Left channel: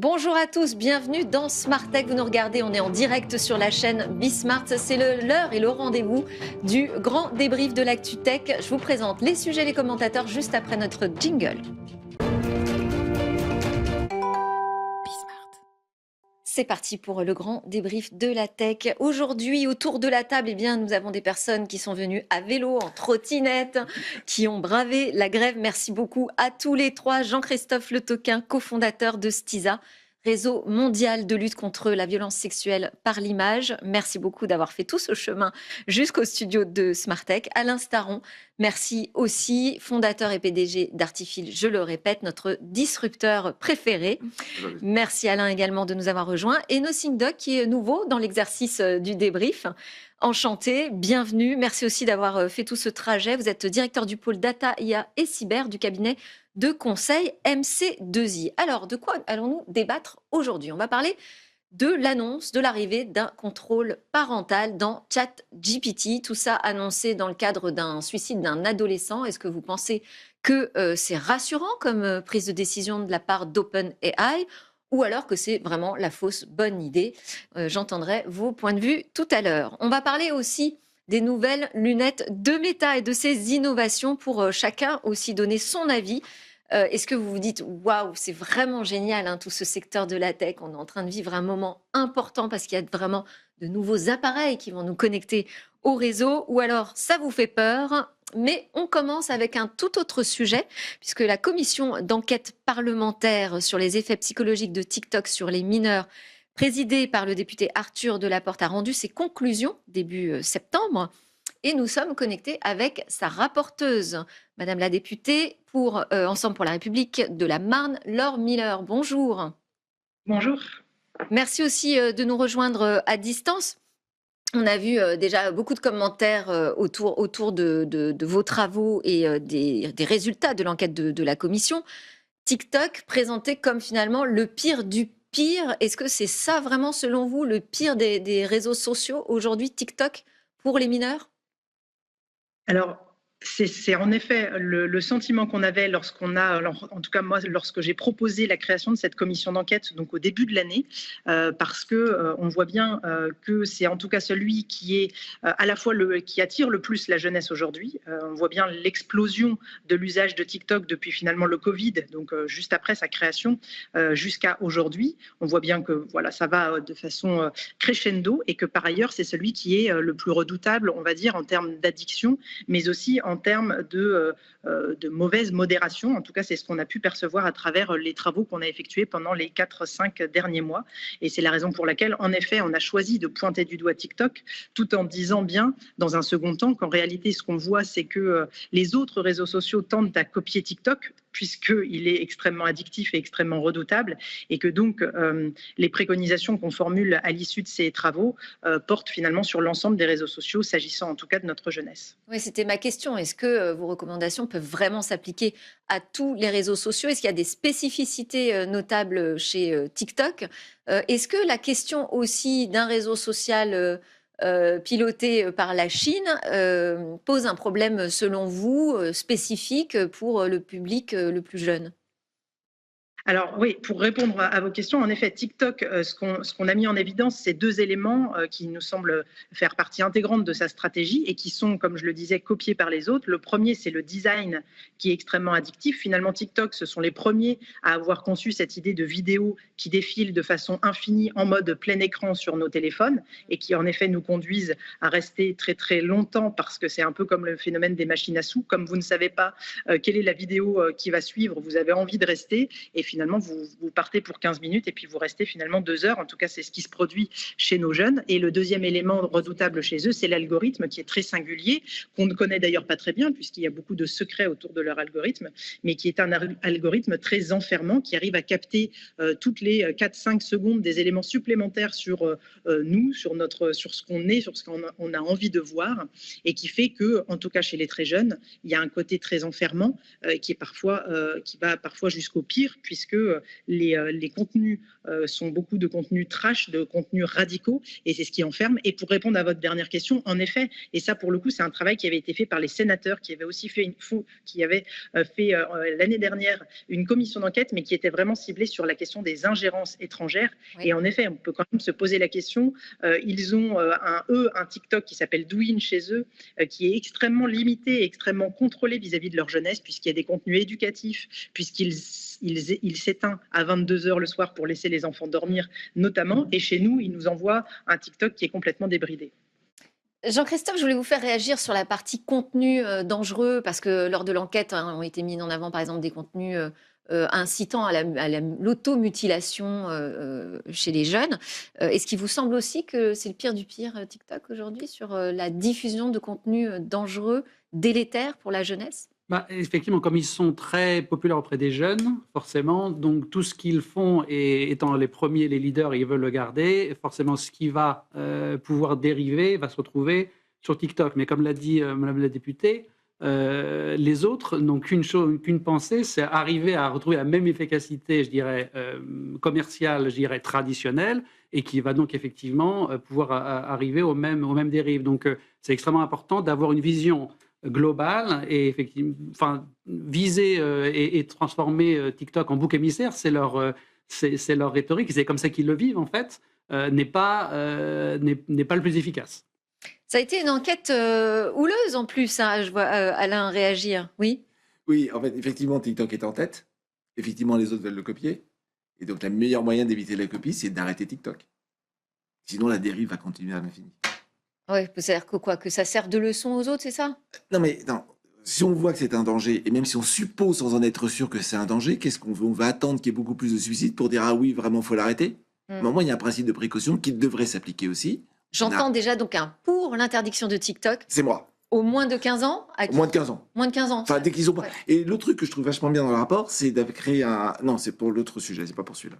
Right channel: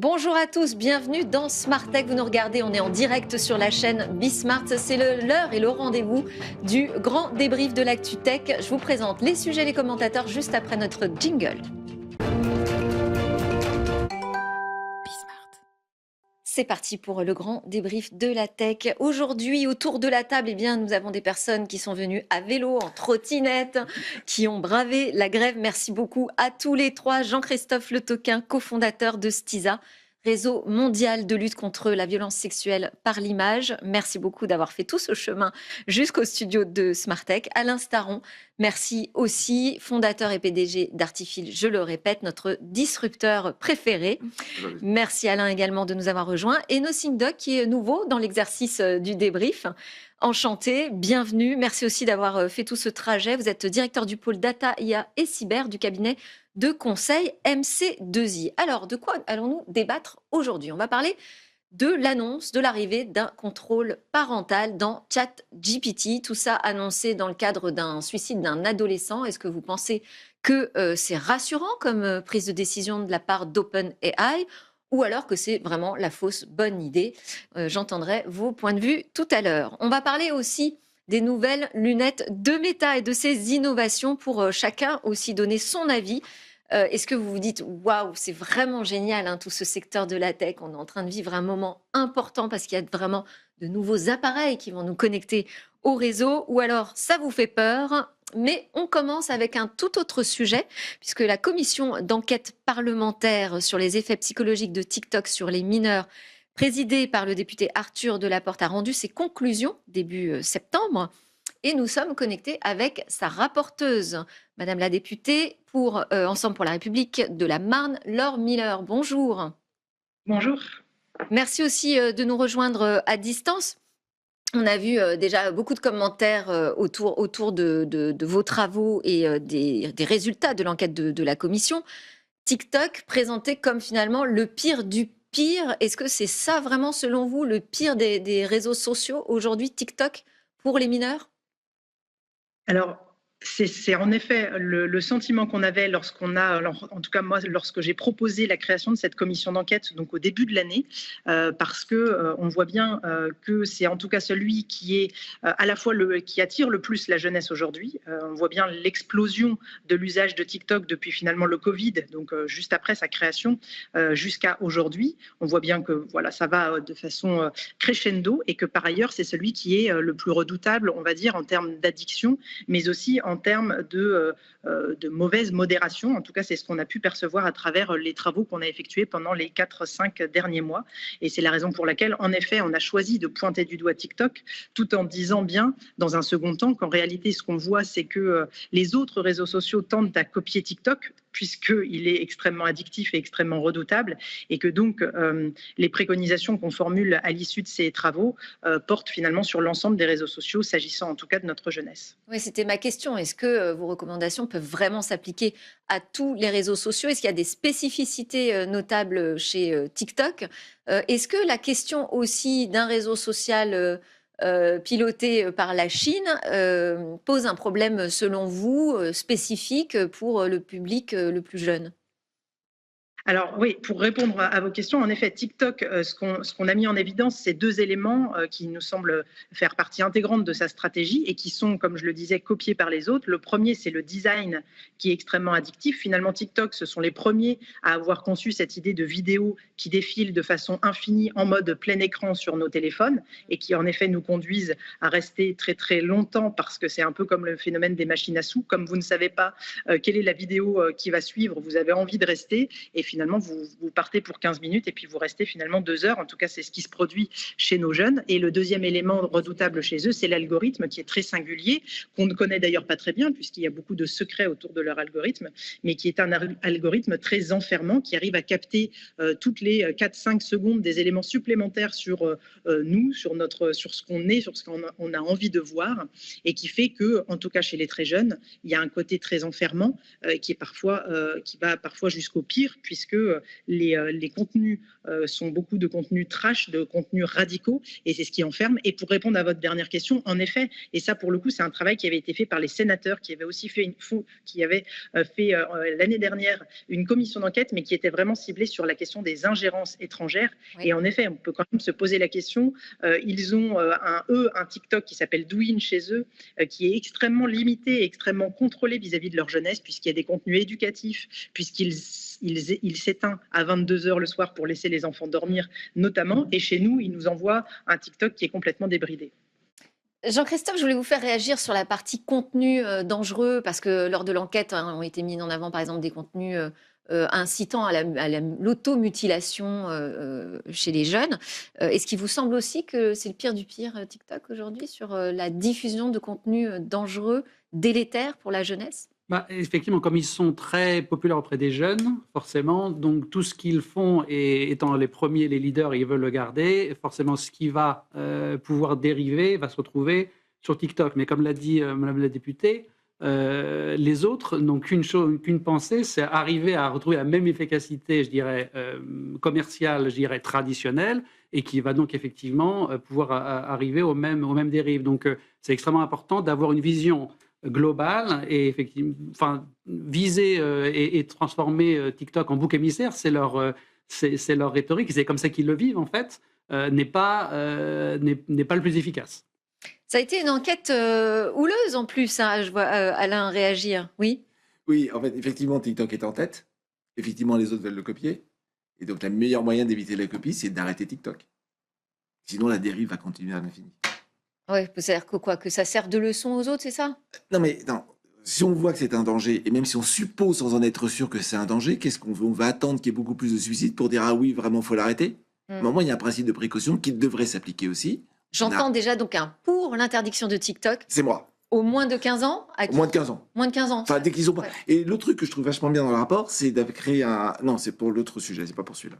Bonjour à tous, bienvenue dans Smart Tech. Vous nous regardez, on est en direct sur la chaîne Bismart. C'est l'heure et le rendez-vous du grand débrief de l'actu tech. Je vous présente les sujets, les commentateurs juste après notre jingle. C'est parti pour le grand débrief de la tech. Aujourd'hui, autour de la table, nous avons des personnes qui sont venues à vélo, en trottinette, qui ont bravé la grève. Merci beaucoup à tous les trois. Jean-Christophe Le Toquin, cofondateur de Stiza, réseau mondial de lutte contre la violence sexuelle par l'image. Merci beaucoup d'avoir fait tout ce chemin jusqu'au studio de Smartech. Alain Staron, merci aussi, fondateur et PDG d'Artifil, je le répète, notre disrupteur préféré. Merci Alain également de nous avoir rejoints. Et Nothing Doc qui est nouveau dans l'exercice du débrief. Enchanté, bienvenue. Merci aussi d'avoir fait tout ce trajet. Vous êtes directeur du pôle Data, IA et Cyber du cabinet de conseil MC2I. Alors, de quoi allons-nous débattre aujourd'hui? On va parler de l'annonce de l'arrivée d'un contrôle parental dans ChatGPT. Tout ça annoncé dans le cadre d'un suicide d'un adolescent. Est-ce que vous pensez que c'est rassurant comme prise de décision de la part d'OpenAI ou alors que c'est vraiment la fausse bonne idée? J'entendrai vos points de vue tout à l'heure. On va parler aussi des nouvelles lunettes de Meta et de ses innovations pour chacun aussi donner son avis. Est-ce que vous vous dites waouh, c'est vraiment génial, hein, tout ce secteur de la tech, on est en train de vivre un moment important parce qu'il y a vraiment de nouveaux appareils qui vont nous connecter au réseau, ou alors ça vous fait peur? Mais on commence avec un tout autre sujet, puisque la commission d'enquête parlementaire sur les effets psychologiques de TikTok sur les mineurs, présidée par le député Arthur Delaporte, a rendu ses conclusions début septembre. Et nous sommes connectés avec sa rapporteuse, Madame la députée pour Ensemble pour la République de la Marne, Laure Miller. Bonjour. Bonjour. Merci aussi de nous rejoindre à distance. On a vu déjà beaucoup de commentaires autour de vos travaux et des résultats de l'enquête de la commission. TikTok présenté comme finalement le pire du pire. Est-ce que c'est ça vraiment, selon vous, le pire des réseaux sociaux aujourd'hui, TikTok, pour les mineurs? Alors, c'est en effet le sentiment qu'on avait lorsqu'on a, alors, en tout cas moi, lorsque j'ai proposé la création de cette commission d'enquête, donc au début de l'année, parce que on voit bien que c'est en tout cas celui qui est à la fois qui attire le plus la jeunesse aujourd'hui. On voit bien l'explosion de l'usage de TikTok depuis finalement le Covid, donc juste après sa création jusqu'à aujourd'hui. On voit bien que voilà, ça va de façon crescendo et que par ailleurs c'est celui qui est le plus redoutable, on va dire, en termes d'addiction, mais aussi en termes de mauvaise modération. En tout cas, c'est ce qu'on a pu percevoir à travers les travaux qu'on a effectués pendant les 4-5 derniers mois. Et c'est la raison pour laquelle, en effet, on a choisi de pointer du doigt TikTok, tout en disant bien, dans un second temps, qu'en réalité, ce qu'on voit, c'est que les autres réseaux sociaux tentent à copier TikTok, puisqu'il est extrêmement addictif et extrêmement redoutable, et que donc les préconisations qu'on formule à l'issue de ces travaux portent finalement sur l'ensemble des réseaux sociaux, s'agissant en tout cas de notre jeunesse. Oui, c'était ma question. Est-ce que vos recommandations peuvent vraiment s'appliquer à tous les réseaux sociaux? Est-ce qu'il y a des spécificités notables chez TikTok? Est-ce que la question aussi d'un réseau social piloté par la Chine pose un problème, selon vous, spécifique pour le public le plus jeune? Alors oui, pour répondre à vos questions, en effet, TikTok, ce qu'on a mis en évidence, c'est deux éléments qui nous semblent faire partie intégrante de sa stratégie et qui sont, comme je le disais, copiés par les autres. Le premier, c'est le design qui est extrêmement addictif. Finalement, TikTok, ce sont les premiers à avoir conçu cette idée de vidéo qui défile de façon infinie en mode plein écran sur nos téléphones et qui, en effet, nous conduisent à rester très très longtemps parce que c'est un peu comme le phénomène des machines à sous. Comme vous ne savez pas quelle est la vidéo qui va suivre, vous avez envie de rester et finalement vous partez pour 15 minutes et puis vous restez finalement 2 heures. En tout cas, c'est ce qui se produit chez nos jeunes. Et le deuxième élément redoutable chez eux, c'est l'algorithme qui est très singulier, qu'on ne connaît d'ailleurs pas très bien puisqu'il y a beaucoup de secrets autour de leur algorithme, mais qui est un algorithme très enfermant qui arrive à capter toutes les 4-5 secondes des éléments supplémentaires sur nous, sur ce qu'on est, sur ce qu'on a envie de voir, et qui fait que, en tout cas chez les très jeunes, il y a un côté très enfermant qui va parfois jusqu'au pire, puisque les contenus sont beaucoup de contenus trash, de contenus radicaux, et c'est ce qui enferme. Et pour répondre à votre dernière question, en effet, et ça pour le coup, c'est un travail qui avait été fait par les sénateurs, qui avaient aussi fait l'année dernière une commission d'enquête, mais qui était vraiment ciblée sur la question des ingérences étrangères. Oui. Et en effet, on peut quand même se poser la question. Ils ont un TikTok qui s'appelle Douyin chez eux, qui est extrêmement limité et extrêmement contrôlé vis-à-vis de leur jeunesse, puisqu'il y a des contenus éducatifs, puisqu'il s'éteint à 22h le soir pour laisser les enfants dormir notamment. Et chez nous, ils nous envoient un TikTok qui est complètement débridé. Jean-Christophe, je voulais vous faire réagir sur la partie contenu dangereux, parce que lors de l'enquête ont été mis en avant, par exemple, des contenus incitant à l'automutilation chez les jeunes. Est-ce qu'il vous semble aussi que c'est le pire du pire, TikTok, aujourd'hui, sur la diffusion de contenus dangereux, délétères pour la jeunesse? Bah, effectivement, comme ils sont très populaires auprès des jeunes, forcément, donc tout ce qu'ils font et étant les premiers, les leaders, ils veulent le garder, forcément ce qui va pouvoir dériver va se retrouver sur TikTok. Mais comme l'a dit madame la députée, les autres n'ont qu'une pensée, c'est arriver à retrouver la même efficacité, je dirais, commerciale, je dirais, traditionnelle, et qui va donc effectivement pouvoir arriver aux mêmes dérives. Donc c'est extrêmement important d'avoir une vision globale et effectivement, enfin, viser et transformer TikTok en bouc émissaire, c'est leur rhétorique, c'est comme ça qu'ils le vivent en fait, n'est pas le plus efficace. Ça a été une enquête houleuse en plus, hein, je vois Alain réagir. Oui. Oui, en fait, effectivement, TikTok est en tête. Effectivement, les autres veulent le copier. Et donc, le meilleur moyen d'éviter la copie, c'est d'arrêter TikTok. Sinon, la dérive va continuer à l'infini. Ouais, c'est-à-dire que quoi? Que ça sert de leçon aux autres, c'est ça? Non, mais non. Si on voit que c'est un danger, et même si on suppose sans en être sûr que c'est un danger, qu'est-ce qu'on veut? On va attendre qu'il y ait beaucoup plus de suicides pour dire ah oui, vraiment, faut l'arrêter. Mmh. Mais au moins, il y a un principe de précaution qui devrait s'appliquer aussi. J'entends déjà donc un pour l'interdiction de TikTok C'est moi. au moins de 15 ans? Au moins de 15 ans. Moins de 15 ans? Enfin, dès qu'ils ont pas. Ouais. Et le truc que je trouve vachement bien dans le rapport, c'est d'avoir créé un. Non, c'est pour l'autre sujet, c'est pas pour celui-là.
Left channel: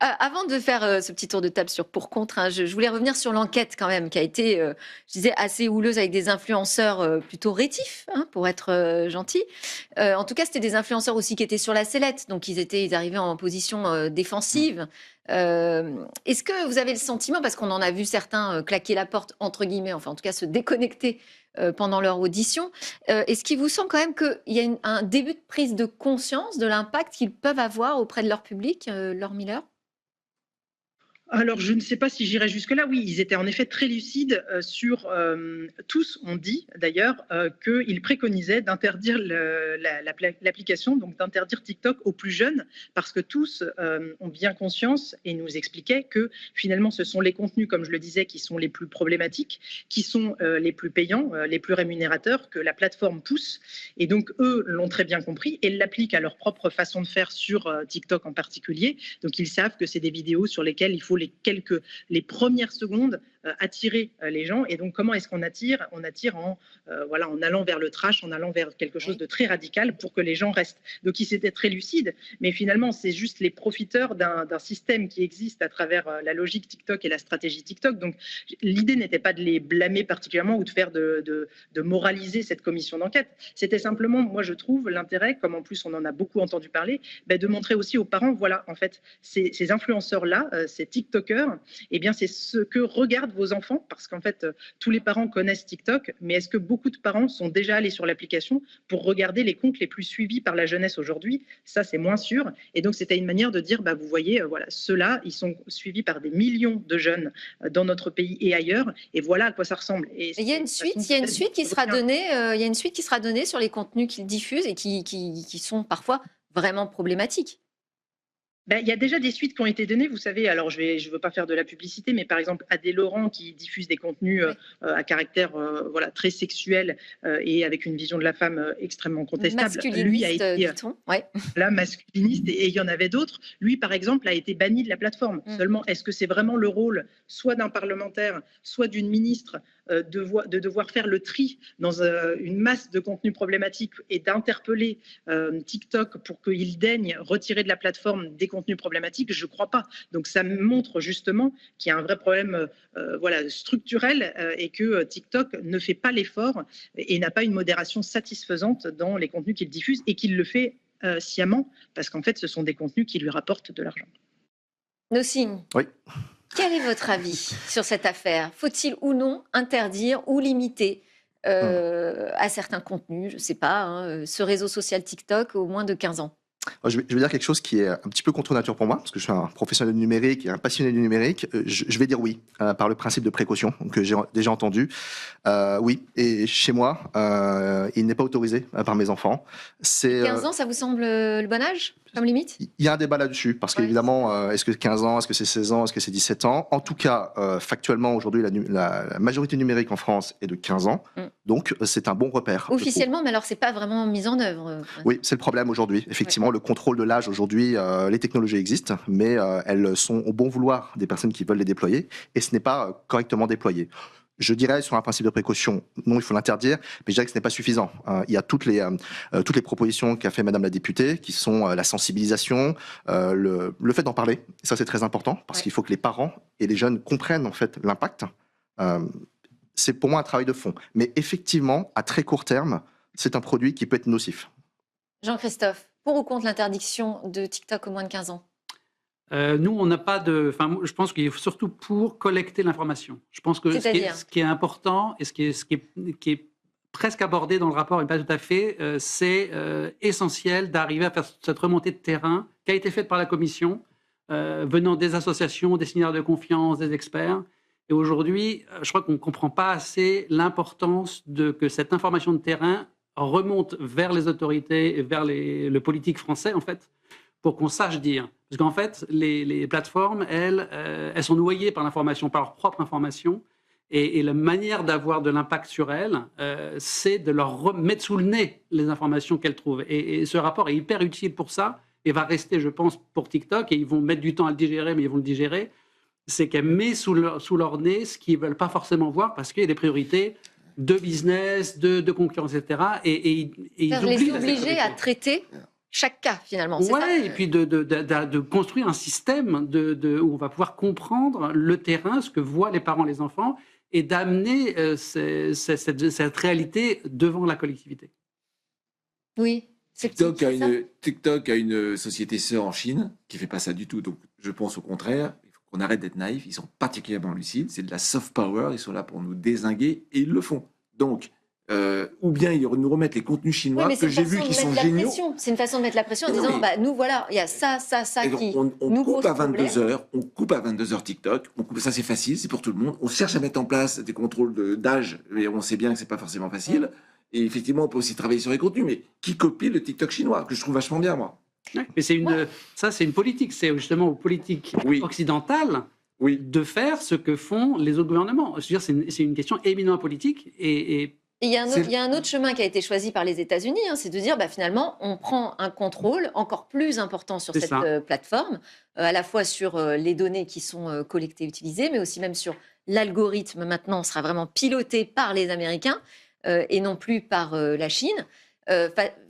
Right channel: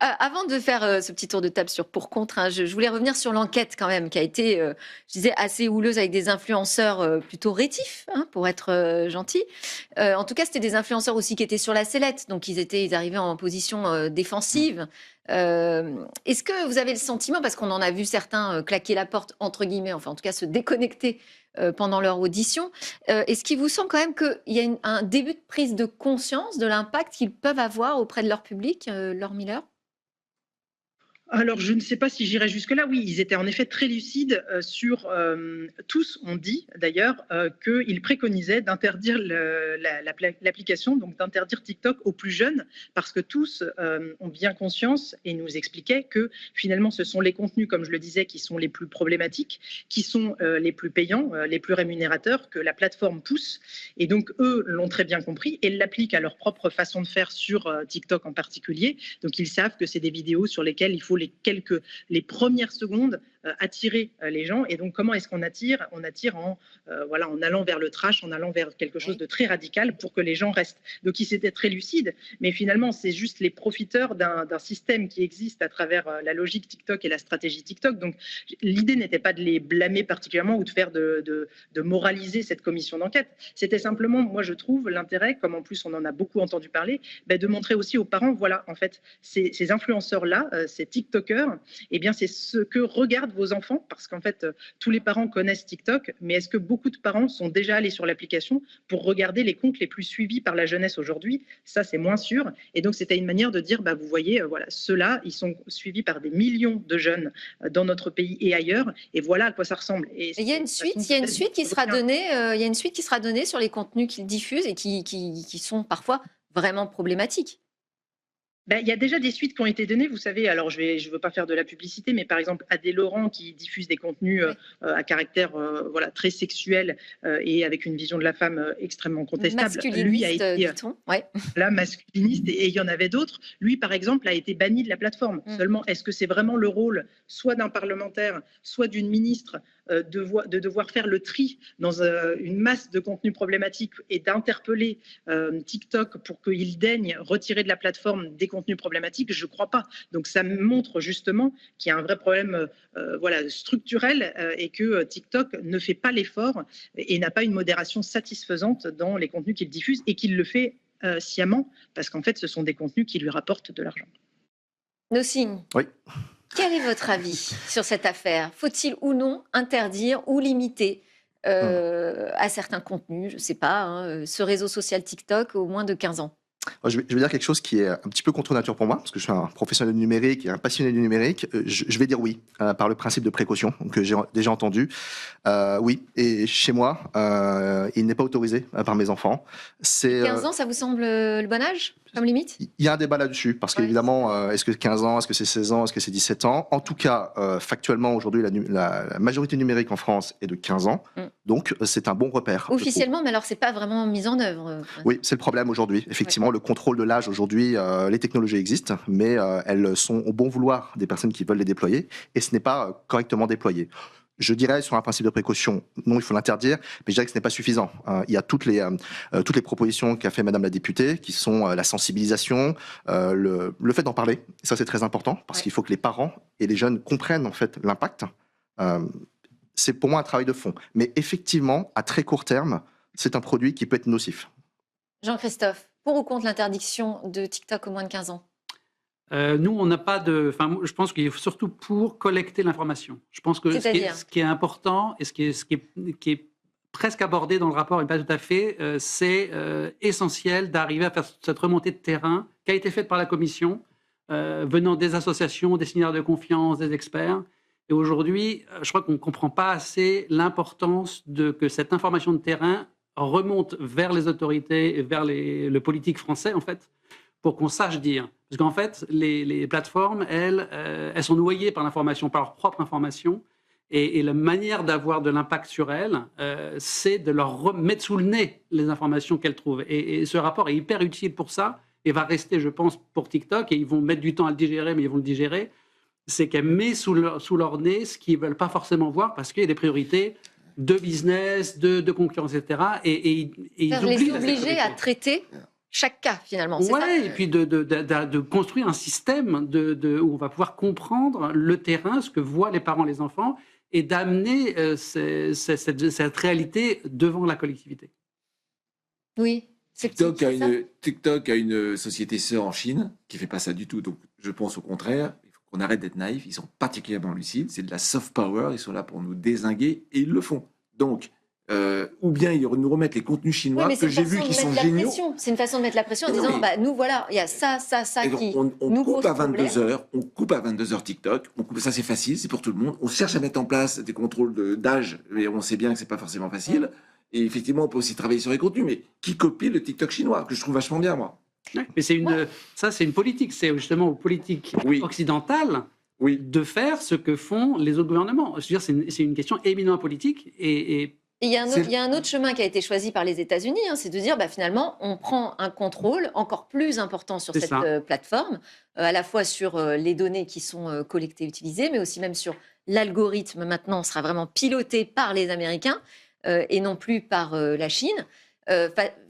Avant de faire ce petit tour de table sur pour-contre, hein, je voulais revenir sur l'enquête quand même, qui a été, je disais, assez houleuse avec des influenceurs plutôt rétifs, hein, pour être gentil. En tout cas, c'était des influenceurs aussi qui étaient sur la sellette, donc ils arrivaient en position défensive. Est-ce que vous avez le sentiment, parce qu'on en a vu certains claquer la porte, entre guillemets, enfin en tout cas se déconnecter pendant leur audition, est-ce qu'il vous semble quand même qu'il y a un début de prise de conscience de l'impact qu'ils peuvent avoir auprès de leur public, Laure Miller? Alors, je ne sais pas si j'irai jusque-là. Oui, ils étaient en effet très lucides sur. Tous ont dit d'ailleurs qu'ils préconisaient d'interdire l'application, donc d'interdire TikTok aux plus jeunes, parce que tous ont bien conscience et nous expliquaient que finalement, ce sont les contenus, comme je le disais, qui sont les plus problématiques, qui sont les plus payants, les plus rémunérateurs, que la plateforme pousse. Et donc, eux l'ont très bien compris et l'appliquent à leur propre façon de faire sur TikTok en particulier. Donc, ils savent que c'est des vidéos sur lesquelles il faut les premières secondes attirer les gens. Et donc, comment est-ce qu'on attire? On attire en allant vers le trash, en allant vers quelque chose de très radical pour que les gens restent. Donc, ils étaient très lucides, mais finalement, c'est juste les profiteurs d'un système qui existe à travers la logique TikTok et la stratégie TikTok. Donc, l'idée n'était pas de les blâmer particulièrement ou de faire de moraliser cette commission d'enquête. C'était simplement, moi, je trouve, l'intérêt, comme en plus on en a beaucoup entendu parler, de montrer aussi aux parents, voilà, en fait, ces influenceurs-là, ces TikTokers, eh bien, c'est ce que regardent vos enfants, parce qu'en fait, tous les parents connaissent TikTok, mais est-ce que beaucoup de parents sont déjà allés sur l'application pour regarder les comptes les plus suivis par la jeunesse aujourd'hui? Ça, c'est moins sûr. Et donc, c'était une manière de dire, vous voyez, voilà, ceux-là, ils sont suivis par des millions de jeunes dans notre pays et ailleurs, et voilà à quoi ça ressemble. Et il y a une suite, il y a une suite qui sera donnée, il y a une suite qui sera donnée sur les contenus qu'ils diffusent et qui sont parfois vraiment problématiques. Il y a déjà des suites qui ont été données, vous savez. Alors, je ne veux pas faire de la publicité, mais par exemple, Adé Laurent, qui diffuse des contenus à caractère voilà, très sexuel et avec une vision de la femme extrêmement contestable. Lui a été dit-on. Ouais. là, masculiniste, et il y en avait d'autres. Lui, par exemple, a été banni de la plateforme. Seulement, est-ce que c'est vraiment le rôle soit d'un parlementaire, soit d'une ministre de devoir faire le tri dans une masse de contenus problématiques et d'interpeller TikTok pour qu'il daigne retirer de la plateforme des contenus problématiques? Je ne crois pas. Donc ça montre justement qu'il y a un vrai problème voilà, structurel et que TikTok ne fait pas l'effort et n'a pas une modération satisfaisante dans les contenus qu'il diffuse, et qu'il le fait sciemment, parce qu'en fait, ce sont des contenus qui lui rapportent de l'argent. Nosim, Oui. quel est votre avis sur cette affaire? Faut-il ou non interdire ou limiter à certains contenus, je ne sais pas, hein, ce réseau social TikTok aux moins de 15 ans? Je vais dire quelque chose qui est un petit peu contre nature pour moi, parce que je suis un professionnel du numérique et un passionné du numérique. Je vais dire oui, par le principe de précaution que j'ai déjà entendu. Oui, et chez moi, il n'est pas autorisé par mes enfants. C'est 15 ans, ça vous semble le bon âge comme limite? il y a un débat là-dessus, parce Ouais. qu'évidemment, est-ce que 15 ans, est-ce que c'est 16 ans, est-ce que c'est 17 ans? En tout cas, factuellement, aujourd'hui, la majorité numérique en France est de 15 ans, Mm. donc c'est un bon repère. je trouve. Officiellement, mais alors c'est pas vraiment mis en œuvre. Oui, c'est le problème aujourd'hui. Effectivement, le contrôle de l'âge aujourd'hui, les technologies existent, mais elles sont au bon vouloir des personnes qui veulent les déployer, et ce n'est pas correctement déployé. Je dirais, sur un principe de précaution, non, il faut l'interdire, mais je dirais que ce n'est pas suffisant. Il y a toutes les propositions qu'a fait Madame la députée, qui sont la sensibilisation, le fait d'en parler. Ça, c'est très important, parce Ouais. qu'il faut que les parents et les jeunes comprennent en fait l'impact. Euh, c'est pour moi un travail de fond. Mais effectivement, à très court terme, c'est un produit qui peut être nocif. Jean-Christophe, pour ou contre l'interdiction de TikTok aux moins de 15 ans? Nous, on n'a pas de. Enfin, je pense qu'il est surtout pour collecter l'information. Je pense que C'est-à-dire ce qui est important et qui est presque abordé dans le rapport, et pas tout à fait, c'est essentiel d'arriver à faire cette remontée de terrain qui a été faite par la Commission, venant des associations, des signataires de confiance, des experts. Et aujourd'hui, je crois qu'on ne comprend pas assez l'importance que cette information de terrain remonte vers les autorités et vers le politique français, en fait, pour qu'on sache dire. Parce qu'en fait, les plateformes, elles sont noyées par l'information, par leur propre information. Et la manière d'avoir de l'impact sur elles, c'est de leur mettre sous le nez les informations qu'elles trouvent. Et ce rapport est hyper utile pour ça et va rester, je pense, pour TikTok. Et ils vont mettre du temps à le digérer, mais ils vont le digérer. C'est qu'elle met sous leur nez ce qu'ils ne veulent pas forcément voir parce qu'il y a des priorités de business, de concurrence, etc. Et ils les oublient la obliger sécurité. à traiter chaque cas, finalement. C'est ça Ouais, et puis de construire un système où on va pouvoir comprendre le terrain, ce que voient les parents, les enfants, et d'amener cette réalité devant la collectivité. Oui. TikTok c'est ça. TikTok a une société sœur en Chine qui fait pas ça du tout. Donc, je pense au contraire, il faut qu'on arrête d'être naïf. Ils sont particulièrement lucides. C'est de la soft power. Ils sont là pour nous dézinguer et ils le font. Donc, ou bien ils nous remettent les contenus Oui, chinois mais c'est que une j'ai façon vus de qui sont mettre la géniaux. pression. C'est une façon de mettre la pression en Mais non, disant, mais- bah, nous, voilà, il y a ça Et qui est on nouveau coupe à problème. 22h, on coupe à 22h TikTok, ça c'est facile, c'est pour tout le monde. On cherche à mettre en place des contrôles d'âge, mais on sait bien que c'est pas forcément facile. Et effectivement, on peut aussi travailler sur les contenus, mais qui copie le TikTok chinois, que je trouve vachement bien, moi. Ouais, mais ça, c'est une politique. C'est justement aux politiques Oui. occidentales Oui. de faire ce que font les autres gouvernements. Je veux dire, c'est une question éminemment politique. Et Et il y a un autre chemin qui a été choisi par les États-Unis, hein, c'est de dire, bah, finalement, on prend un contrôle encore plus important sur C'est cette ça. plateforme, à la fois sur les données qui sont collectées, utilisées, mais aussi même sur l'algorithme maintenant sera vraiment piloté par les Américains et non plus par la Chine.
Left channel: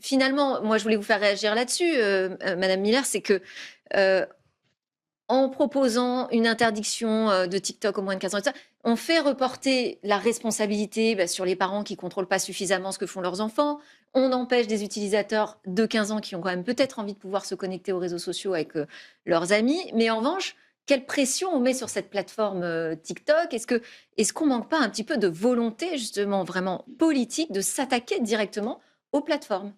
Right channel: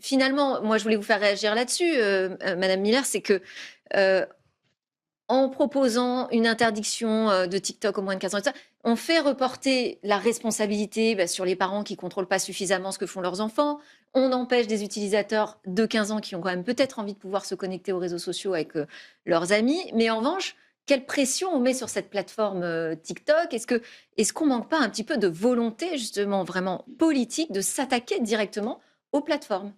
Finalement, moi, je voulais vous faire réagir là-dessus, Madame Miller, c'est que euh, en proposant une interdiction de TikTok aux moins de 15 ans, et tout ça, on fait reporter la responsabilité sur les parents qui contrôlent pas suffisamment ce que font leurs enfants. On empêche des utilisateurs de 15 ans qui ont quand même peut-être envie de pouvoir se connecter aux réseaux sociaux avec leurs amis. Mais en revanche, quelle pression on met sur cette plateforme TikTok? Est-ce qu'on manque pas un petit peu de volonté justement vraiment politique de s'attaquer directement aux plateformes?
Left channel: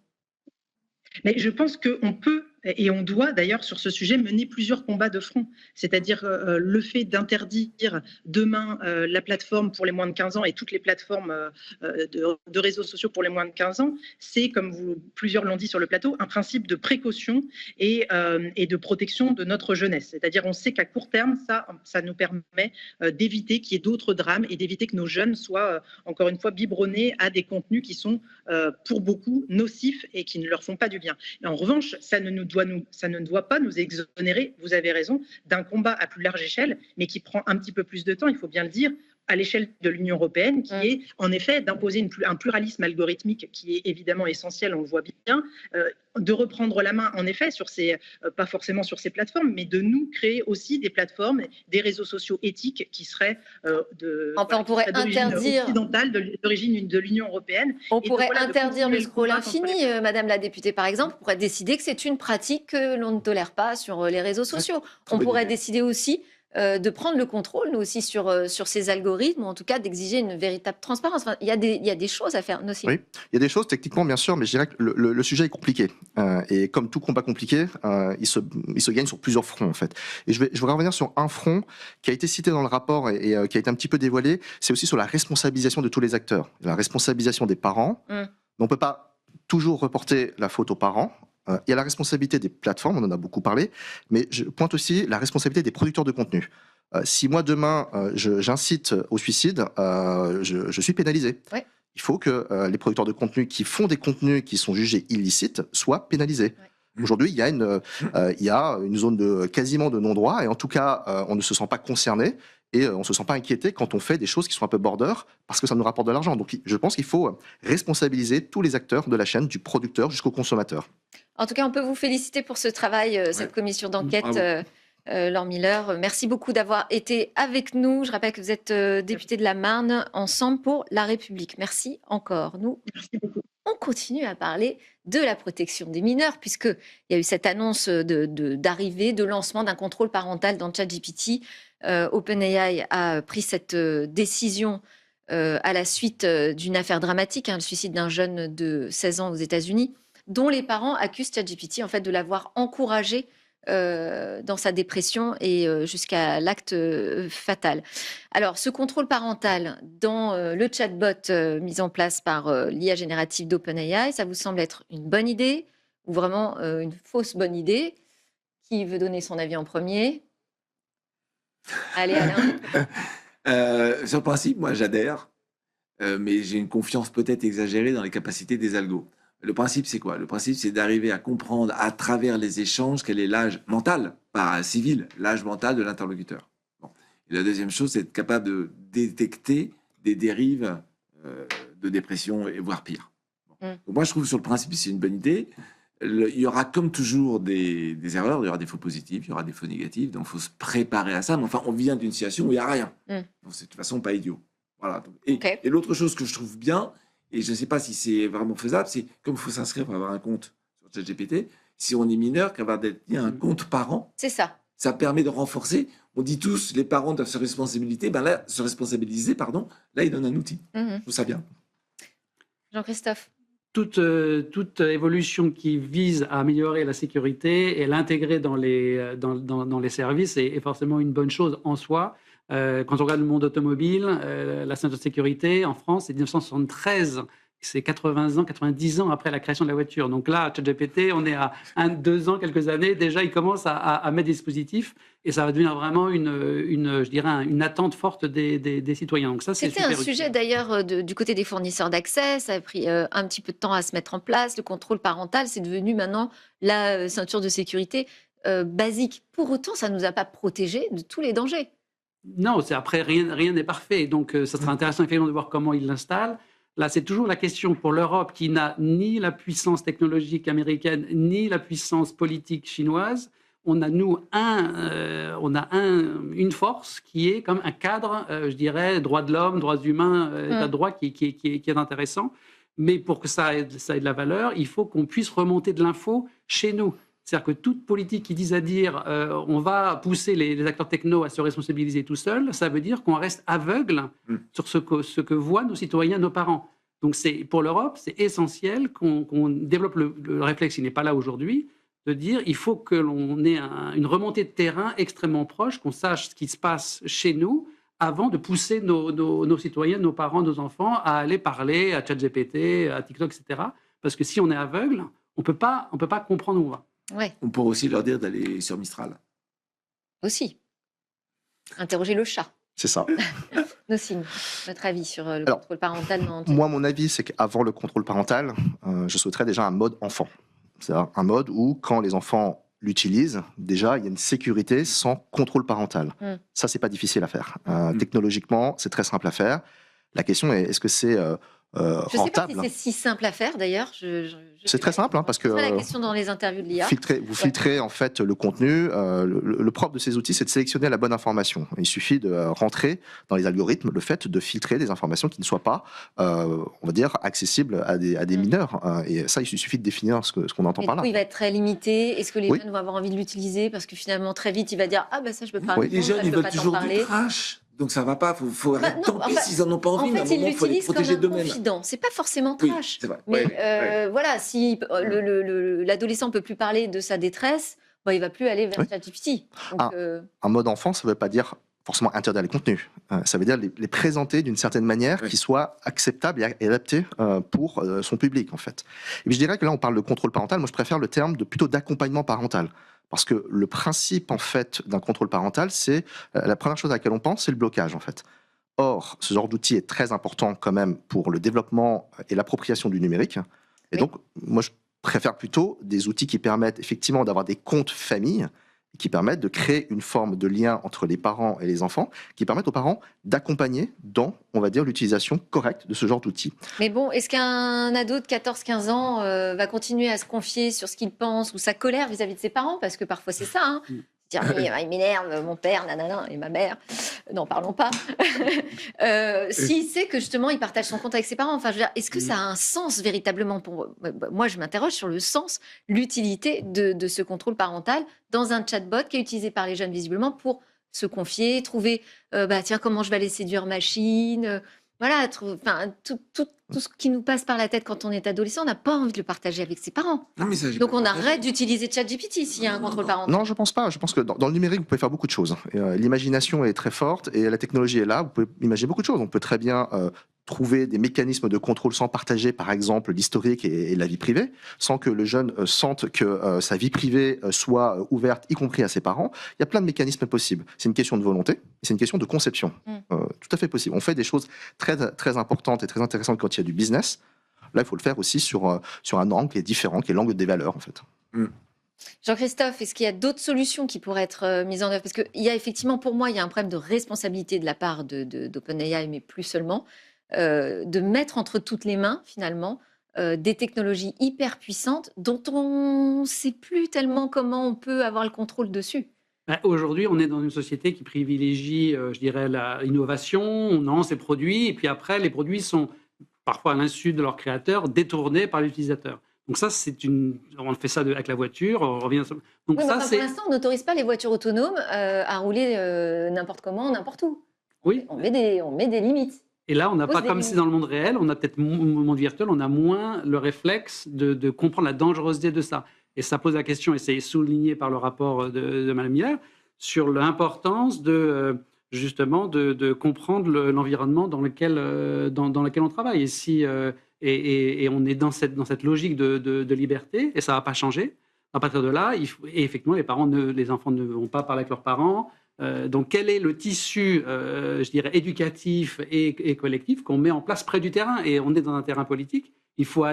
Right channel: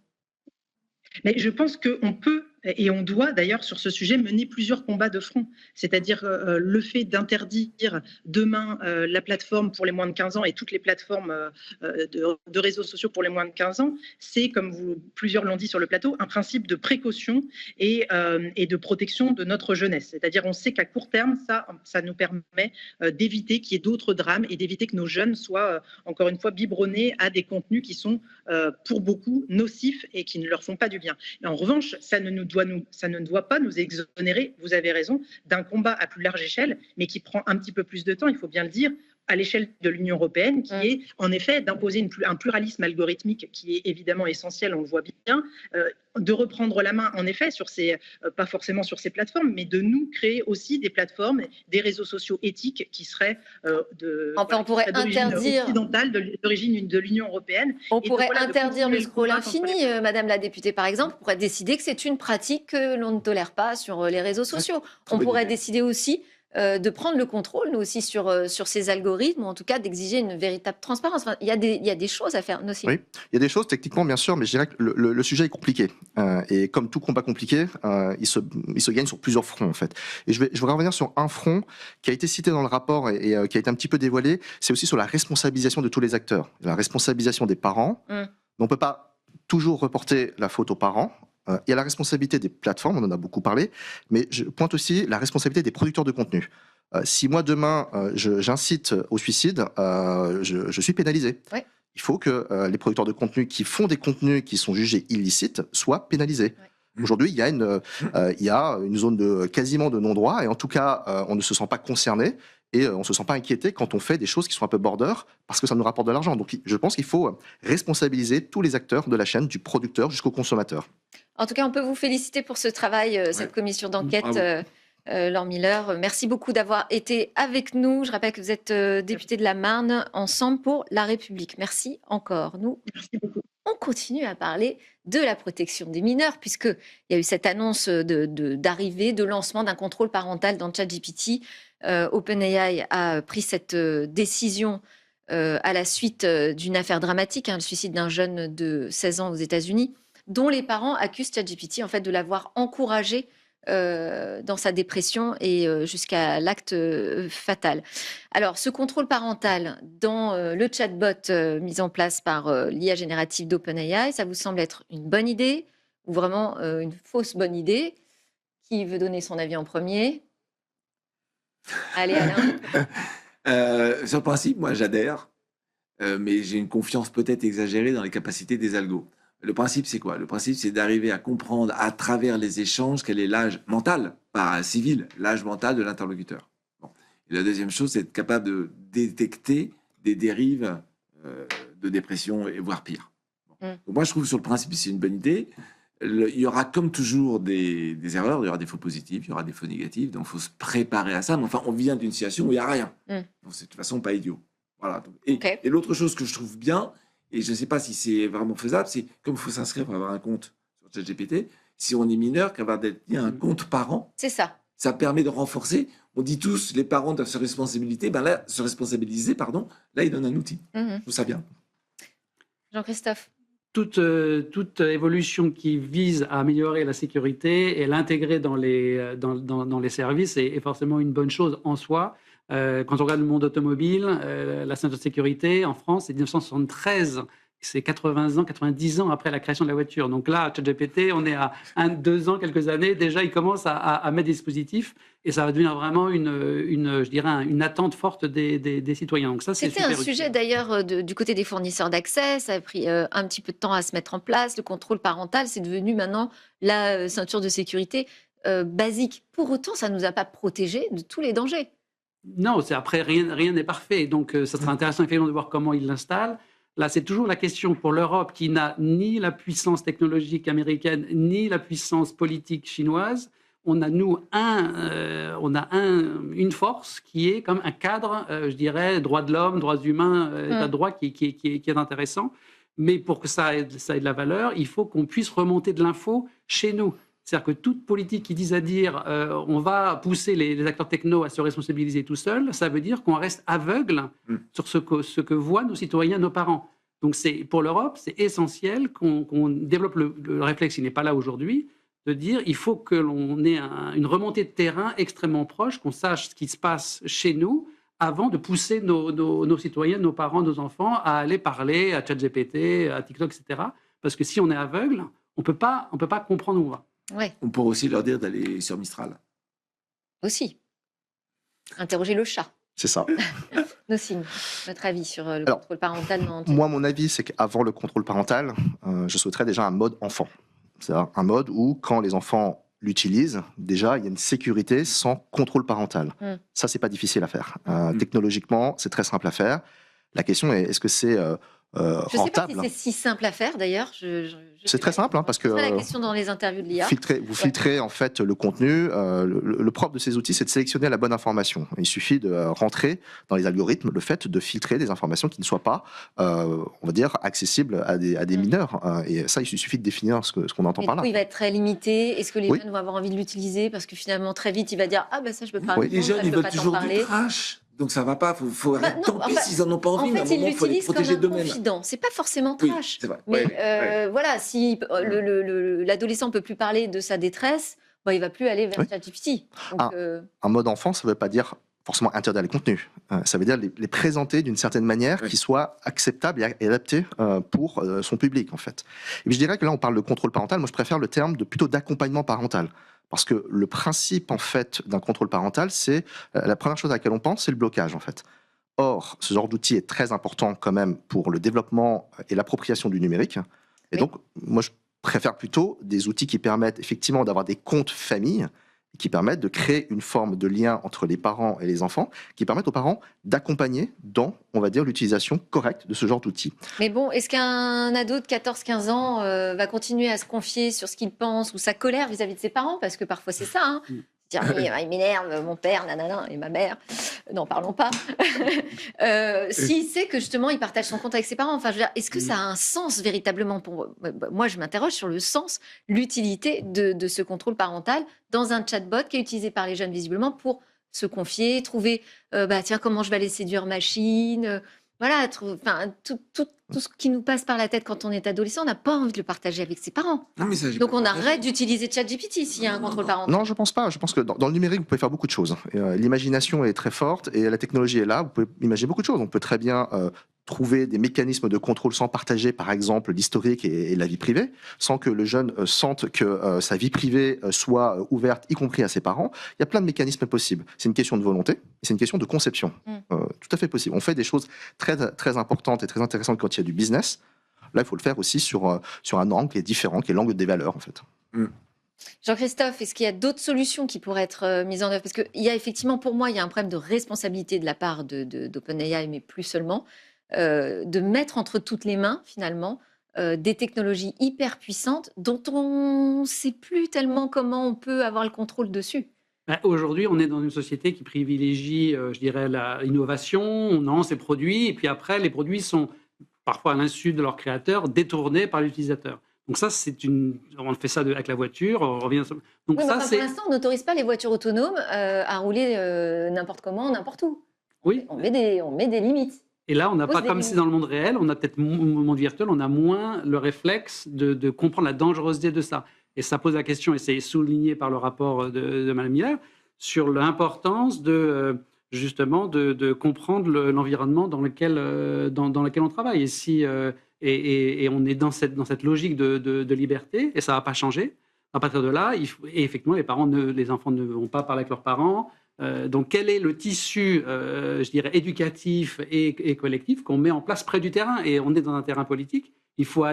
Mais je pense qu'on peut et on doit d'ailleurs sur ce sujet mener plusieurs combats de front. C'est-à-dire le fait d'interdire demain la plateforme pour les moins de 15 ans et toutes les plateformes de réseaux sociaux pour les moins de 15 ans, c'est, comme plusieurs l'ont dit sur le plateau, un principe de précaution et de protection de notre jeunesse. C'est-à-dire on sait qu'à court terme, ça nous permet d'éviter qu'il y ait d'autres drames et d'éviter que nos jeunes soient, encore une fois, biberonnés à des contenus qui sont pour beaucoup nocifs et qui ne leur font pas du bien. Et en revanche, ça ne doit pas nous exonérer, vous avez raison, d'un combat à plus large échelle, mais qui prend un petit peu plus de temps, il faut bien le dire, à l'échelle de l'Union européenne, qui est en effet d'imposer un pluralisme algorithmique qui est évidemment essentiel, on le voit bien, de reprendre la main en effet sur ces, pas forcément sur ces plateformes, mais de nous créer aussi des plateformes, des réseaux sociaux éthiques qui seraient Enfin, on pourrait d'origine interdire. occidentale, d'origine de l'Union européenne. On Et pourrait voilà, de interdire le continuer le scroll combat contre infini, Madame la députée, par exemple. On pourrait décider que c'est une pratique que l'on ne tolère pas sur les réseaux sociaux. On bonne pourrait idée. décider aussi de prendre le contrôle, nous aussi, sur ces algorithmes, ou en tout cas d'exiger une véritable transparence. Enfin, il y a des choses à faire, aussi. Oui, il y a des choses techniquement, bien sûr, mais je dirais que le sujet est compliqué. Et comme tout combat compliqué, il se gagne sur plusieurs fronts, en fait. Et je voudrais revenir sur un front qui a été cité dans le rapport et qui a été un petit peu dévoilé. C'est aussi sur la responsabilisation de tous les acteurs, la responsabilisation des parents. Mais on ne peut pas toujours reporter la faute aux parents. Il y a la responsabilité des plateformes, on en a beaucoup parlé, mais je pointe aussi la responsabilité des producteurs de contenu. Si moi, demain, j'incite au suicide, je suis pénalisé. Ouais. Il faut que les producteurs de contenu qui font des contenus qui sont jugés illicites soient pénalisés. Ouais. Aujourd'hui, il y a une zone quasiment de non-droit, et en tout cas, on ne se sent pas concerné, et on ne se sent pas inquiété quand on fait des choses qui sont un peu border, parce que ça nous rapporte de l'argent. Donc je pense qu'il faut responsabiliser tous les acteurs de la chaîne, du producteur jusqu'au consommateur. En tout cas, on peut vous féliciter pour ce travail, cette commission d'enquête. Bravo. Laure Miller, merci beaucoup d'avoir été avec nous. Je rappelle que vous êtes député de la Marne, Ensemble pour la République. Merci encore. Nous, on continue à parler de la protection des mineurs, puisqu'il y a eu cette annonce d'arrivée, de lancement d'un contrôle parental dans ChatGPT. OpenAI a pris cette décision à la suite d'une affaire dramatique, le suicide d'un jeune de 16 ans aux États-Unis, dont les parents accusent ChatGPT en fait de l'avoir encouragé dans sa dépression et jusqu'à l'acte fatal. Alors, ce contrôle parental dans le chatbot mis en place par l'IA générative d'OpenAI, ça vous semble être une bonne idée ou vraiment une fausse bonne idée? Qui veut donner son avis en premier? Allez, Alain. Sur le principe, moi j'adhère, mais j'ai une confiance peut-être exagérée dans les capacités des algos. Le principe, c'est quoi? Le principe, c'est d'arriver à comprendre à travers les échanges quel est l'âge mental, pas civil, l'âge mental de l'interlocuteur. Bon. Et la deuxième chose, c'est être capable de détecter des dérives de dépression, et voire pire. Bon. Donc moi, je trouve sur le principe, c'est une bonne idée. Il y aura comme toujours des erreurs, il y aura des faux positifs, il y aura des faux négatifs, donc il faut se préparer à ça. Mais enfin, on vient d'une situation où il n'y a rien. Donc c'est de toute façon pas idiot. Voilà. Et l'autre chose que je trouve bien, et je ne sais pas si c'est vraiment faisable, c'est comme il faut s'inscrire pour avoir un compte sur ChatGPT, si on est mineur, qu'avoir un compte parent, c'est ça. Ça permet de renforcer. On dit tous, les parents doivent se responsabiliser. Là, là, ils donnent un outil. Je trouve ça bien. Jean-Christophe. Toute évolution qui vise à améliorer la sécurité et l'intégrer dans les services est forcément une bonne chose en soi. Quand on regarde le monde automobile, la ceinture de sécurité en France, c'est 1973, c'est 80 ans, 90 ans après la création de la voiture. Donc là, ChatGPT, on est à 2 ans, quelques années, déjà il commence à mettre des dispositifs et ça va devenir vraiment je dirais une attente forte des citoyens. Donc ça, c'était un sujet d'ailleurs du côté des fournisseurs d'accès, ça a pris un petit peu de temps à se mettre en place. Le contrôle parental, c'est devenu maintenant la ceinture de sécurité basique. Pour autant, ça ne nous a pas protégés de tous les dangers. Non, après, rien n'est parfait. Donc, ça sera intéressant de voir comment ils l'installent. Là, c'est toujours la question pour l'Europe qui n'a ni la puissance technologique américaine, ni la puissance politique chinoise. On a, nous, une force qui est comme un cadre, je dirais, droits de l'homme, droits humains, état de droit qui est intéressant. Mais pour que ça ait de la valeur, il faut qu'on puisse remonter de l'info chez nous. C'est-à-dire que toute politique qui dise on va pousser les acteurs techno à se responsabiliser tout seuls, ça veut dire qu'on reste aveugle sur ce que voient nos citoyens, nos parents. Donc pour l'Europe, c'est essentiel qu'on développe le réflexe qui n'est pas là aujourd'hui, de dire il faut que l'on ait une remontée de terrain extrêmement proche, qu'on sache ce qui se passe chez nous avant de pousser nos citoyens, nos parents, nos enfants à aller parler à ChatGPT, à TikTok, etc. Parce que si on est aveugle, on peut pas comprendre où on va. Ouais. On pourrait aussi leur dire d'aller sur Mistral. Aussi. Interroger le chat. C'est ça. Nocine, votre avis sur le contrôle parental? Moi, mon avis, c'est qu'avant le contrôle parental, je souhaiterais déjà un mode enfant. C'est-à-dire un mode où, quand les enfants l'utilisent, déjà, il y a une sécurité sans contrôle parental. Ça, c'est pas difficile à faire. Technologiquement, c'est très simple à faire. La question est, est-ce que c'est Je ne sais pas si rentable? c'est si simple à faire d'ailleurs. Je C'est sais très pas. simple, hein, parce Je que poserai la question dans les interviews de l'IA. vous filtrez en fait le contenu. Le propre de ces outils, c'est de sélectionner la bonne information. Il suffit de rentrer dans les algorithmes le fait de filtrer des informations qui ne soient pas, on va dire, accessibles à des mineurs. Et ça, il suffit de définir ce qu'on entend Mais par du là. coup, il va être très limité. Est-ce que les Oui. jeunes vont avoir envie de l'utiliser? Parce que finalement, très vite, il va dire ah ben ça je peux pas Oui. Les répondre, ça jeunes, je ils peux veulent pas t'en toujours du parler. trash. Donc ça va pas, faut Bah, arrêter. non, Tant pis s'ils en ont pas en envie, mais à un fait, ils moment, il faut les l'utilisent comme protéger un d'eux-mêmes. confident. C'est pas forcément Oui, trash. c'est vrai. Mais Ouais. voilà, si l'adolescent peut plus parler de sa détresse, bah, il va plus aller vers Oui. ChatGPT. Donc, Un mode enfant, ça ne veut pas dire forcément interdire les contenus. Ça veut dire les présenter d'une certaine manière Oui. qui soit acceptable et adaptée pour son public, en fait. Et puis je dirais que là, on parle de contrôle parental. Moi, je préfère le terme plutôt d'accompagnement parental. Parce que le principe, en fait, d'un contrôle parental, c'est la première chose à laquelle on pense, c'est le blocage, en fait. Or, ce genre d'outil est très important quand même pour le développement et l'appropriation du numérique. Et Oui. donc, moi, je préfère plutôt des outils qui permettent effectivement d'avoir des comptes famille, qui permettent de créer une forme de lien entre les parents et les enfants, qui permettent aux parents d'accompagner dans, on va dire, l'utilisation correcte de ce genre d'outils. Mais bon, est-ce qu'un ado de 14-15 ans va continuer à se confier sur ce qu'il pense ou sa colère vis-à-vis de ses parents? Parce que parfois c'est ça, hein. Dire, oui, il m'énerve, mon père, nanana, et ma mère. N'en parlons pas. S'il sait que justement il partage son compte avec ses parents, enfin, je veux dire, est-ce que ça a un sens véritablement pour moi, je m'interroge sur le sens, l'utilité de ce contrôle parental dans un chatbot qui est utilisé par les jeunes visiblement pour se confier, trouver, bah tiens, comment je vais aller séduire machine, voilà, enfin, tout ce qui nous passe par la tête quand on est adolescent, on n'a pas envie de le partager avec ses parents. Non, mais ça, j'ai Donc pas on partagé. arrête d'utiliser ChatGPT s'il y a un contrôle parental. Non, je pense pas. Je pense que dans le numérique, vous pouvez faire beaucoup de choses. L'imagination est très forte et la technologie est là. Vous pouvez imaginer beaucoup de choses. On peut très bien trouver des mécanismes de contrôle sans partager, par exemple, l'historique et la vie privée, sans que le jeune sente que sa vie privée soit ouverte, y compris à ses parents. Il y a plein de mécanismes possibles. C'est une question de volonté et c'est une question de conception. Tout à fait possible. On fait des choses très, très importantes et très intéressantes quand il y a du business. Là, il faut le faire aussi sur un angle qui est différent, qui est l'angle des valeurs, en fait. Jean-Christophe, est-ce qu'il y a d'autres solutions qui pourraient être mises en œuvre? Parce qu'il y a effectivement, pour moi, il y a un problème de responsabilité de la part d'OpenAI, mais plus seulement, de mettre entre toutes les mains, finalement, des technologies hyper puissantes dont on ne sait plus tellement comment on peut avoir le contrôle dessus. Aujourd'hui, on est dans une société qui privilégie, je dirais, l'innovation, on lance ses produits, et puis après, les produits sont, parfois à l'insu de leurs créateurs, détournés par l'utilisateur. Donc ça, on fait ça avec la voiture, on revient... Donc Oui, mais ça, enfin, pour l'instant, on n'autorise pas les voitures autonomes à rouler n'importe comment, n'importe où. Oui. On met des limites. Et là, on n'a Pose pas, des comme limites. c'est dans le monde réel, on a peut-être, au monde virtuel, on a moins le réflexe de comprendre la dangerosité de ça. Et ça pose la question, et c'est souligné par le rapport de Mme Miller, sur l'importance justement de comprendre l'environnement dans lequel on travaille. Et, et on est dans cette logique de liberté, et ça ne va pas changer. À partir de là, et effectivement, les enfants ne vont pas parler avec leurs parents. Donc, quel est le tissu, je dirais, éducatif et collectif qu'on met en place près du terrain? Et on est dans un terrain politique. Il faut,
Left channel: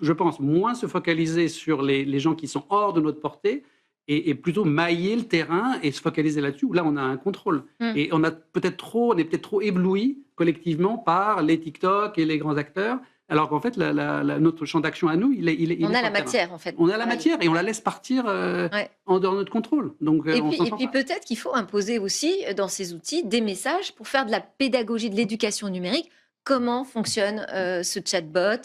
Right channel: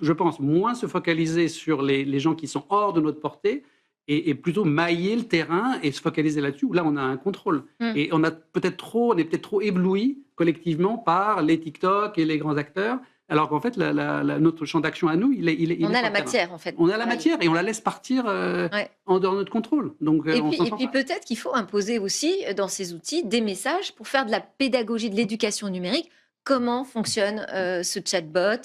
je pense, moins se focaliser sur les gens qui sont hors de notre portée et plutôt mailler le terrain et se focaliser là-dessus, où là, on a un contrôle. Et on est peut-être trop ébloui collectivement par les TikTok et les grands acteurs, alors qu'en fait, notre champ d'action à nous, il est On sur a la le terrain. matière, en fait. On a la matière et on la laisse partir en dehors de notre contrôle. Donc, Et puis peut-être qu'il faut imposer aussi dans ces outils des messages pour faire de la pédagogie, de l'éducation numérique. Comment fonctionne ce chatbot?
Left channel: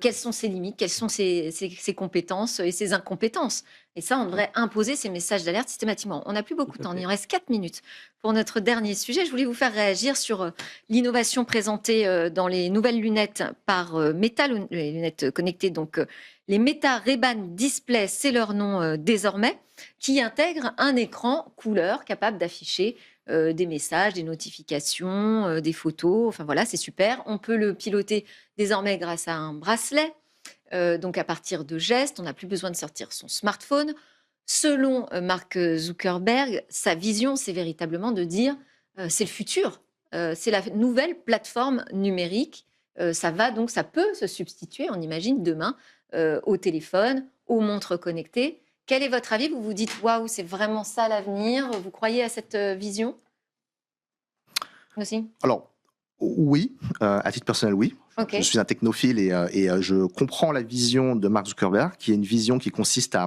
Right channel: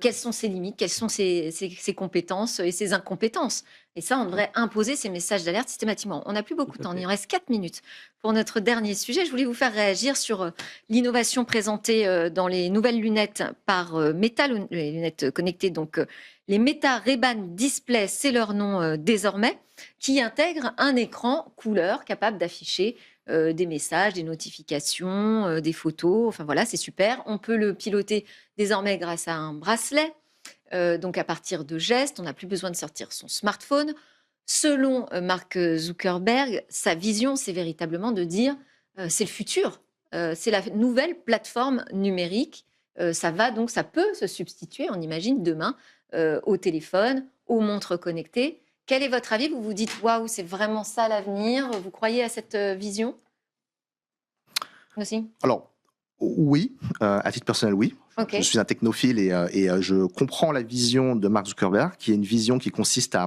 Quelles sont ses limites? Quelles sont ses compétences et ses incompétences? Et ça, on devrait imposer ces messages d'alerte systématiquement. On n'a plus beaucoup de temps, il nous reste 4 minutes. Pour notre dernier sujet, je voulais vous faire réagir sur l'innovation présentée dans les nouvelles lunettes par Meta, les lunettes connectées, donc les Meta Ray-Ban Display, c'est leur nom désormais, qui intègrent un écran couleur capable d'afficher des messages, des notifications, des photos. Enfin voilà, c'est super. On peut le piloter désormais grâce à un bracelet. Donc à partir de gestes, on n'a plus besoin de sortir son smartphone. Selon Mark Zuckerberg, sa vision, c'est véritablement de dire c'est le futur, c'est la nouvelle plateforme numérique. Ça peut se substituer, on imagine, demain au téléphone, aux montres connectées. Quel est votre avis? Vous vous dites, waouh, c'est vraiment ça l'avenir? Vous croyez à cette vision aussi? Alors, oui, à titre personnel, oui. Ok. Je suis un technophile et je comprends la vision de Mark Zuckerberg, qui est une vision qui consiste à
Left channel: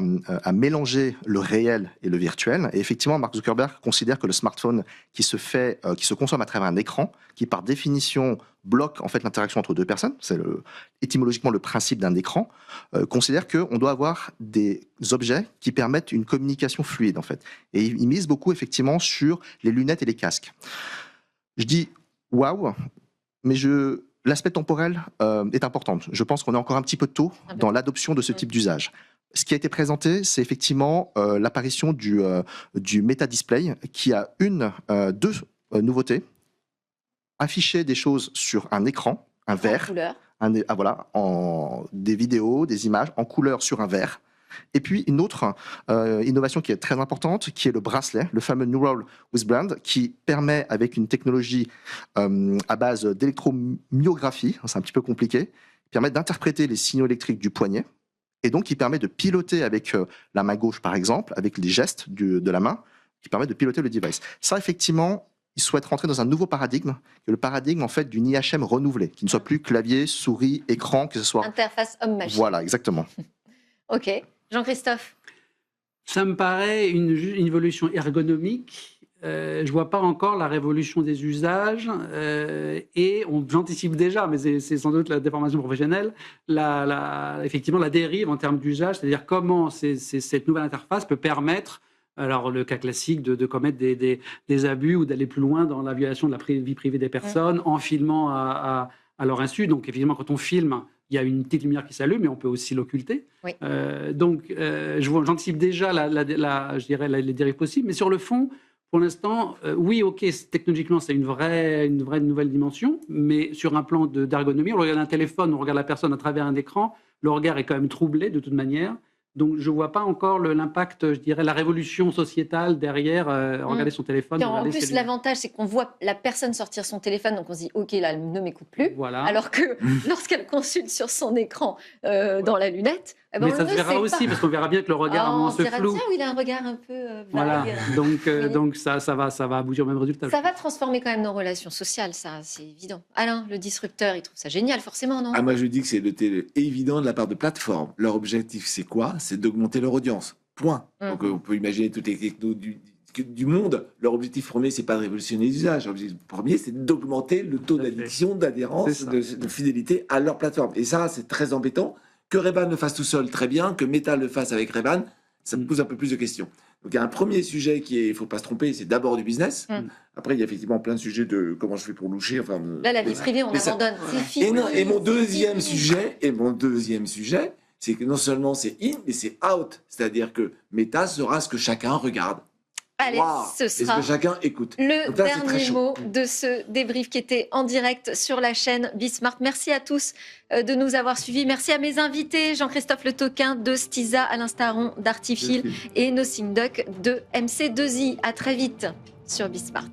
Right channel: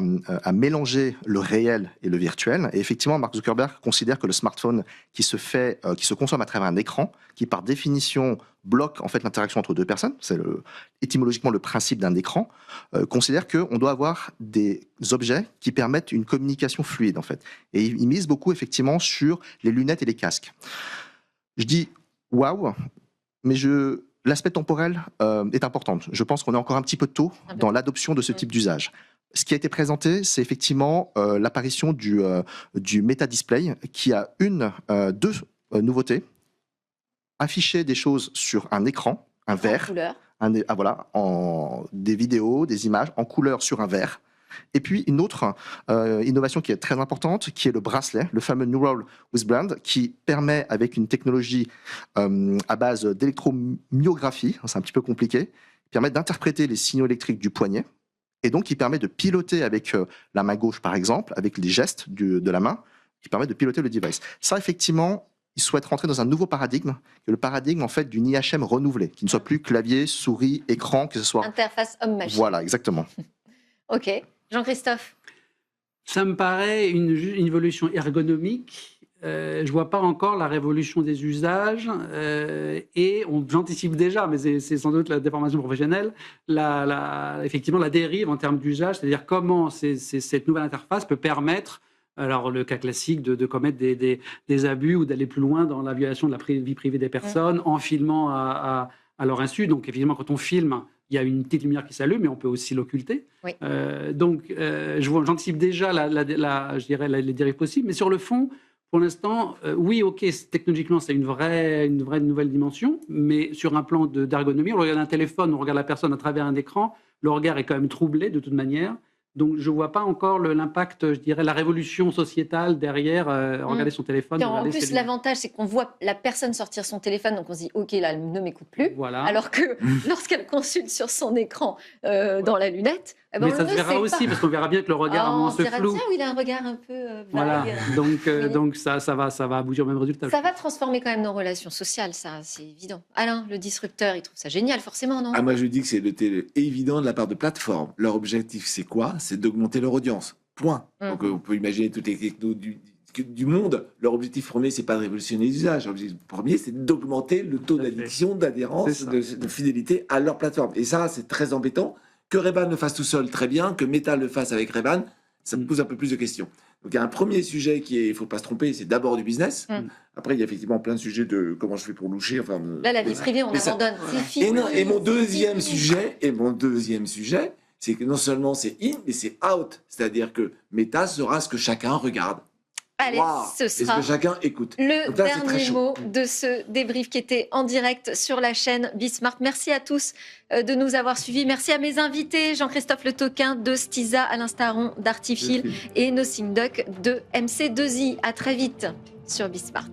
mélanger le réel et le virtuel. Et effectivement, Mark Zuckerberg considère que le smartphone qui se consomme à travers un écran, qui par définition bloque en fait l'interaction entre deux personnes, c'est étymologiquement le principe d'un écran, considère qu'on doit avoir des objets qui permettent une communication fluide en fait. Et il mise beaucoup effectivement sur les lunettes et les casques. Je dis waouh, mais l'aspect temporel est important. Je pense qu'on est encore un petit peu tôt dans l'adoption de ce type d'usage. Ce qui a été présenté, c'est effectivement l'apparition du Meta Display, qui a deux nouveautés. Afficher des choses sur un écran, un verre, des vidéos, des images en couleur sur un verre. Et puis une autre innovation qui est très importante, qui est le bracelet, le fameux Neural Wristband, qui permet, avec une technologie à base d'électromyographie, c'est un petit peu compliqué, permet d'interpréter les signaux électriques du poignet, et donc qui permet de piloter avec la main gauche, par exemple, avec les gestes de la main, qui permet de piloter le device. Ça, effectivement, ils souhaitent rentrer dans un nouveau paradigme, qui est le paradigme en fait d'une IHM renouvelée, qui ne soit plus clavier, souris, écran, que ce soit interface homme-machine. Voilà, exactement. Ok, Jean-Christophe. Ça me paraît une évolution ergonomique. Je vois pas encore la révolution des usages et j'anticipe déjà, mais c'est sans doute la déformation professionnelle, effectivement la dérive en termes d'usage, c'est-à-dire comment cette nouvelle interface peut permettre, alors le cas classique de commettre des abus ou d'aller plus loin dans la violation de la vie privée des personnes en filmant à leur insu. Donc effectivement, quand on filme, il y a une petite lumière qui s'allume, mais on peut aussi l'occulter. Oui. J'anticipe déjà je dirais les dérives possibles, mais sur le fond, pour l'instant, oui, ok, technologiquement, c'est une vraie nouvelle dimension, mais sur un plan d'ergonomie, on regarde un téléphone, on regarde la personne à travers un écran, le regard est quand même troublé de toute manière. Donc, je ne vois pas encore l'impact, je dirais, la révolution sociétale derrière regarder son téléphone. En plus, l'avantage, c'est qu'on voit la personne sortir son téléphone, donc on se dit, OK, là, elle ne m'écoute plus. Voilà. Alors que lorsqu'elle consulte sur son écran dans la lunette, mais ça se verra aussi, parce qu'on verra bien que le regard se floue. Bien, il a un regard un peu voilà. Donc ça va aboutir au même résultat. Ça va transformer quand même nos relations sociales, ça, c'est évident. Alain, le disrupteur, il trouve ça génial, forcément, non? Moi, je dis que c'est évident de la part de plateformes. Leur objectif, c'est quoi? C'est d'augmenter leur audience. Point. Donc, on peut imaginer toutes les technos du monde. Leur objectif premier, c'est pas de révolutionner les usages. Leur objectif premier, c'est d'augmenter le taux d'addiction, d'adhérence, de fidélité à leur plateforme. Et ça, c'est très embêtant. Que Ray-Ban le fasse tout seul, très bien. Que Meta le fasse avec Ray-Ban, ça me pose un peu plus de questions. Donc, il y a un premier sujet il ne faut pas se tromper, c'est d'abord du business. Après, il y a effectivement plein de sujets de comment je fais pour loucher. Enfin, là, la vie privée, on abandonne. Et mon deuxième sujet, c'est que non seulement c'est in, mais c'est out. C'est-à-dire que Meta sera ce que chacun regarde. Allez, ce sera ce que chacun écoute. Le dernier mot de ce débrief qui était en direct sur la chaîne Bismart. Merci à tous de nous avoir suivis. Merci à mes invités, Jean-Christophe Le Toquin de Stiza, Alain Staron d'Artifil et Nothing Duck de MC2I. À très vite sur Bismart.